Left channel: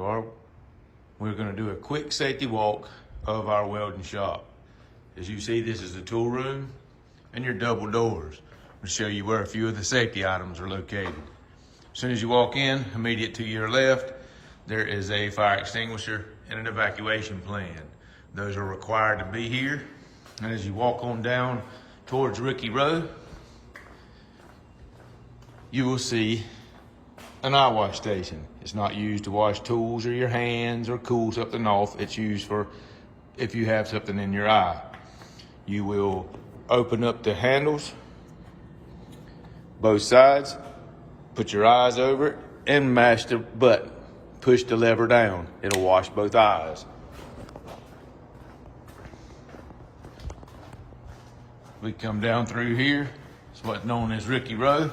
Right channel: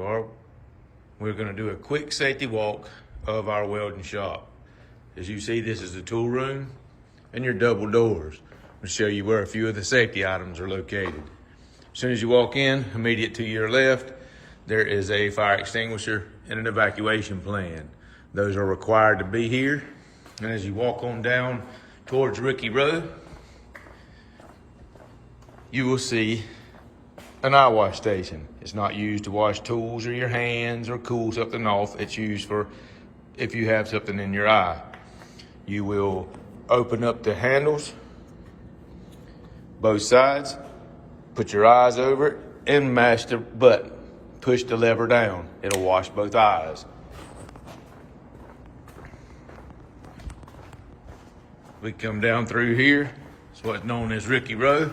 We're going to do a quick safety walk of our welding shop. As you see, this is the tool room and your double doors. I'll show you where a few of the safety items are located. As soon as you walk in, immediate to your left, there is a fire extinguisher and an evacuation plan. Those are required to be here. And as you walk on down towards Ricky Road, you will see an eye wash station. It's not used to wash tools or your hands or cool something off. It's used for if you have something in your eye. You will open up the handles, both sides, put your eyes over it, and mash the button. Push the lever down. It'll wash both eyes. We come down through here. It's what's known as Ricky Road.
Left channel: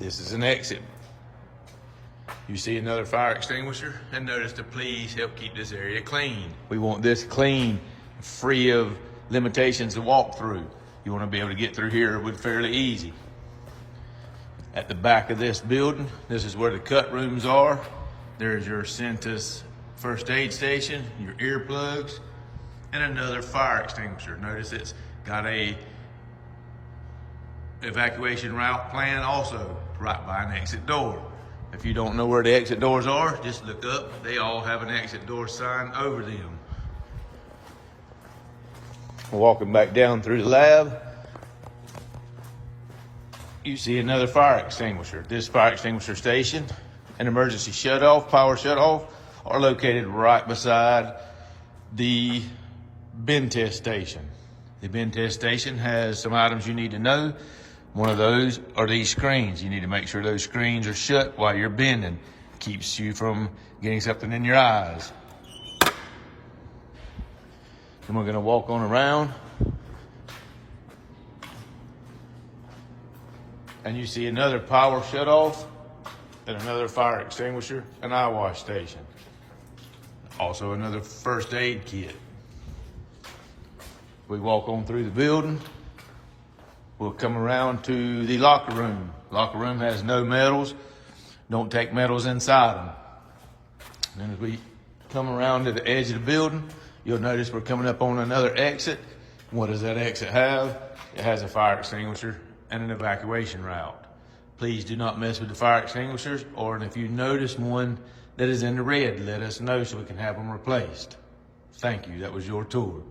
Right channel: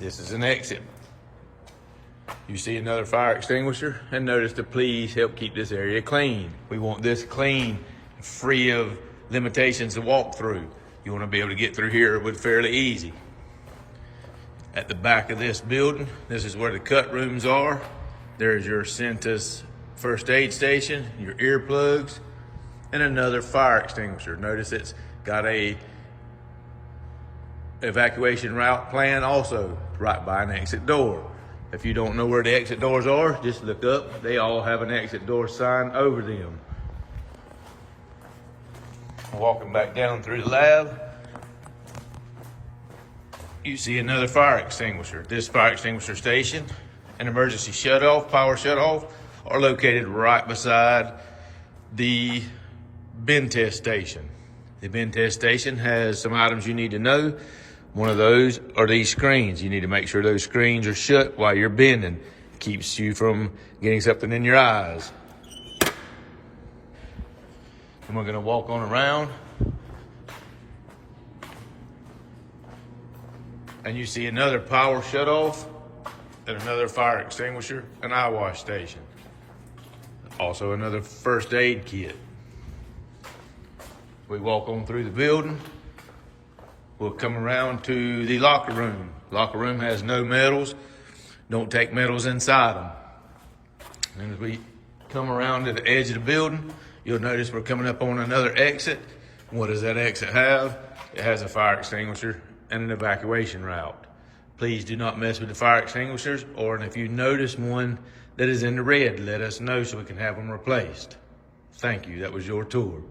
This is an exit. You see another fire extinguisher, and notice to please help keep this area clean. We want this clean, free of limitations to walk through. You want to be able to get through here with fairly easy. At the back of this building, this is where the cut rooms are. There's your Centus first aid station, your earplugs, and another fire extinguisher. Notice it's got a evacuation route plan also right by an exit door. If you don't know where the exit doors are, just look up. They all have an exit door sign over them. Walking back down through the lab, you see another fire extinguisher. This fire extinguisher station and emergency shutoff, power shutoff, are located right beside the bend test station. The bend test station has some items you need to know. One of those are these screens. You need to make sure those screens are shut while you're bending. Keeps you from getting something in your eyes. Then we're gonna walk on around. And you see another power shut off and another fire extinguisher and eye wash station. Also another first aid kit. We walk on through the building. We'll come around to the locker room. Locker room has no metals. Don't take metals inside them. And as we come around to the edge of the building, you'll notice we're coming up on another exit. What does that exit have? It has a fire extinguisher and an evacuation route. Please do not mess with the fire extinguishers, or if you notice one that is in the red, let us know so we can have them replaced. Thank you. That was your tour.